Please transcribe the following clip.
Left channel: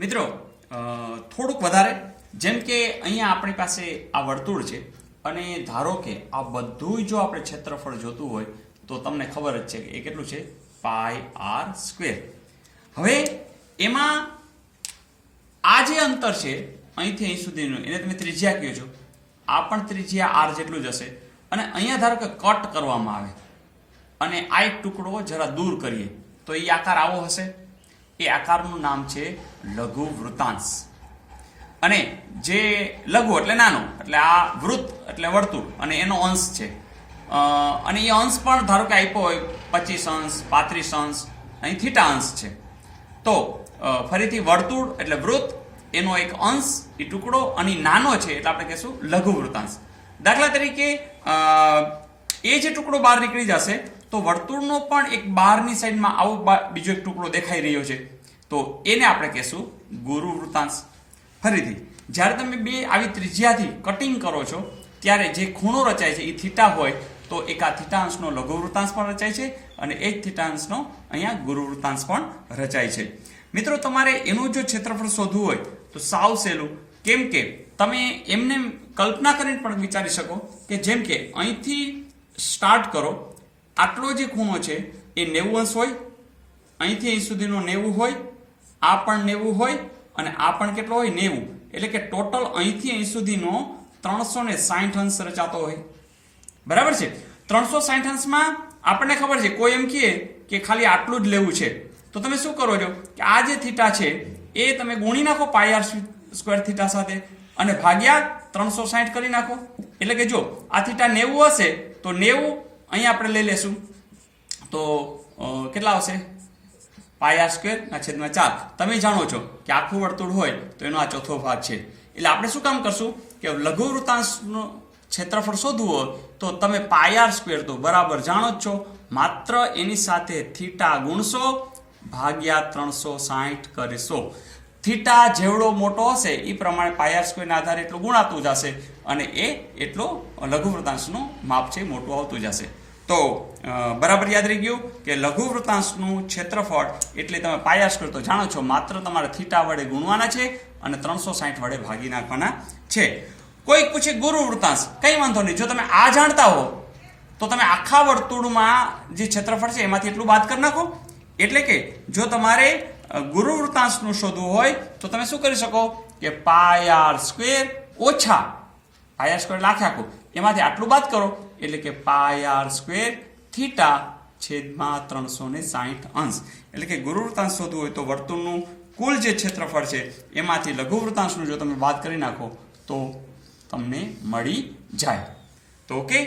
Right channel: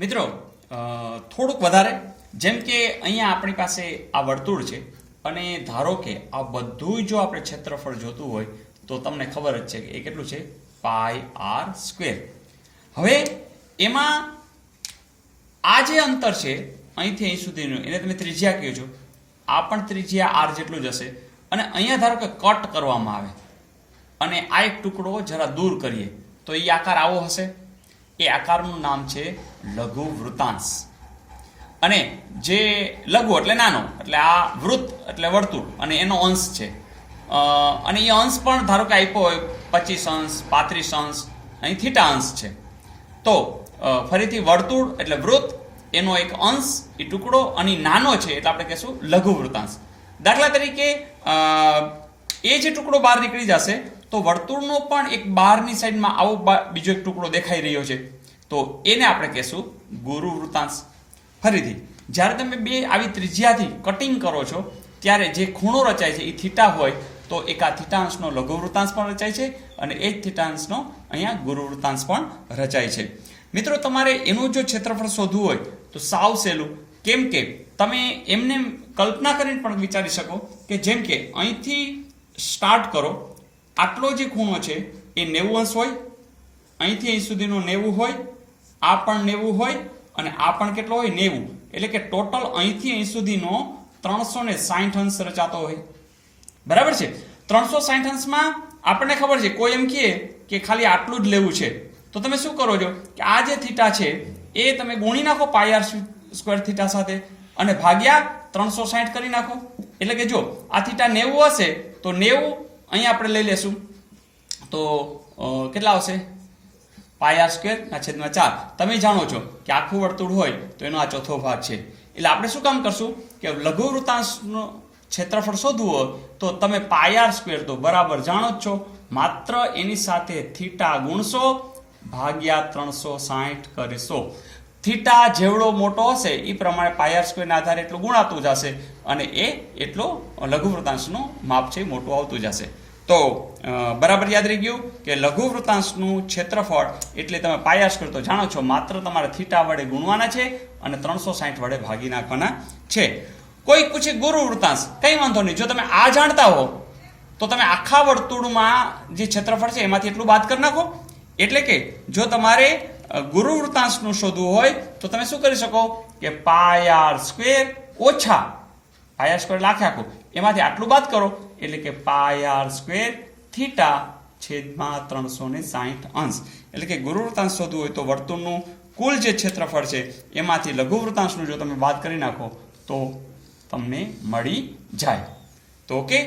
મિત્રો થોડુંક વધારે જેમ કે અહીંયા આપણી પાસે આ વર્તુળ છે અને ધારો કે આ બધું જો આપણે ક્ષેત્રફળ જોતું હોય તો તમને ખબર જ છે કે એ કેટલું છે પાઈ આર સ્ક્વેર. હવે એમાં આ જે અંતર છે અહીંથી અહીં સુધીનું એને તમે ત્રિજ્યા કહો છો, આ પણ ત્રિજ્યા આર જેટલું જ હશે અને અહીંયા ધારો કે કટ કરવામાં આવે અને આ એક ટુકડો જરા દૂર કરીએ તો એ આકાર આવો હશે. એ આકારનું નામ છે લઘુ વૃતાંશ. અને જે લઘુ એટલે નાનો એટલે આ વૃત્ત એટલે વર્તુળ અને એનો અંશ છે અને એ અંશ પણ ધારો કે આપ્યો હોય 25 અંશ 35 અંશ, અહીં થીટા અંશ છે. તો ફરીથી વર્તુળ એટલે વૃત્ત એનો એક અંશ એ ટુકડો અને નાનો છે એટલે આપણે કહેશું લઘુ વૃતાંશ. દાખલા તરીકે એ જે ટુકડો બહાર નીકળી જશે તો વર્તુળનો પણ એક બહારની સાઈડમાં આવો બીજો એક ટુકડો દેખાઈ રહ્યો છે તો એને આપણે કહેશું ગુરુ વૃતાંશ. ફરીથી જ્યારે તમે બે આવી ત્રિજ્યાથી કટિંગ કરો છો ત્યારે જે ખૂણો રચાય છે એ થીટા હોય તો એક આ થીટાંશનો લઘુ વૃતાંશ પણ રચાય છે અને એ જ થીટાંશનો અહીંયા ગુરુ વૃતાંશ પણ રચાય છે. મિત્રો તમારે એનું જો ક્ષેત્રફળ શોધવું હોય તો સાવ સહેલું, કેમ કે તમે એમને કલ્પના કરીને પણ વિચારી શકો કે જેમ કે અહીંથી સ્ટાર્ટ કરો, આટલો જે ખૂણો છે એ 90 અંશ હોય, અહીંથી અહીં સુધીનો 90 હોય, આ પણ 90 હોય અને આ પણ કેટલો હોય 90, એટલે કે ટોટલ અહીંથી અહીં સુધીનો 360 અંશ રચાતો હોય. બરાબર છે. 360 અંશમાં આપણને ખબર છે કોઈ એમ કહે કે ખાલી આટલું જ લેવું છે તો તમે શું કરો છો કે આ જે થીટા છે એ તમે ગુણી નાખો પાઈ આર સ્ક્વેર થીટા સાથે અને ભાગ્યા 360 કરી નાખો. એટલે કે જો આ થીટા 90 હશે તો 90 અહીંયા આપણે લઈ લેશું તો કેટલા આવશે પાઈ આર સ્ક્વેર ના છેદમાં 4. તમે જાણો છો કે આખું વર્તુળ હોય તો એનો આ ચોથો ભાગ છે. એટલે આપણે શું કામ કરશું કે લઘુ વૃતાંશનું ક્ષેત્રફળ શોધવું હોય તો તમે પાઈ આર સ્ક્વેર તો બરાબર જાણો જ છો, માત્ર એની સાથે થીટા ગુણશો ભાગ્યા 360 કરીશો. થીટા જેવડો મોટો હશે એ પ્રમાણે પાઈ આર સ્ક્વેરના આધારે એટલું ગુણાતું જશે અને એ એટલો લઘુ વૃતાંશનું માપ છે મોટું આવતું જશે. તો બરાબર યાદ રહી ગયું કે લઘુ વૃતાંશનું ક્ષેત્રફળ એટલે તમે પાઈ આર સ્ક્વેર તો જાણો છો, માત્ર તમારે થીટા વડે ગુણવાના છે અને 360 વડે ભાગી નાખવાના છે. કોઈ પૂછે ગુરુ વૃતાંશ, કઈ વાંધો નહીં, જો તમે આ જાણતા હો તો તમે આખા વર્તુળમાં જે ક્ષેત્રફળ છે એમાંથી એટલું બાદ કરી નાખો. એટલે કે જો તમારે ગુરુ વૃતાંશનું શોધવું હોય તો તમે શું કરી શકો કે પાઈ આર સ્ક્વેર ઓછા પાઈ આર સ્ક્વેર લાખે આખું એમાંથી આટલું બાદ કરો એટલે કે પાઈ આર સ્ક્વેર થીટા છેદમાં 360 અંશ. એટલે કે ગુરુ વૃતાંશ શોધવું હોય તો વર્તુળનું કુલ જે ક્ષેત્રફળ છે એમાંથી લઘુ વૃતાંશનું જો તમે બાદ કરી નાખો તો તમને મળી જાય. તો ઓકે.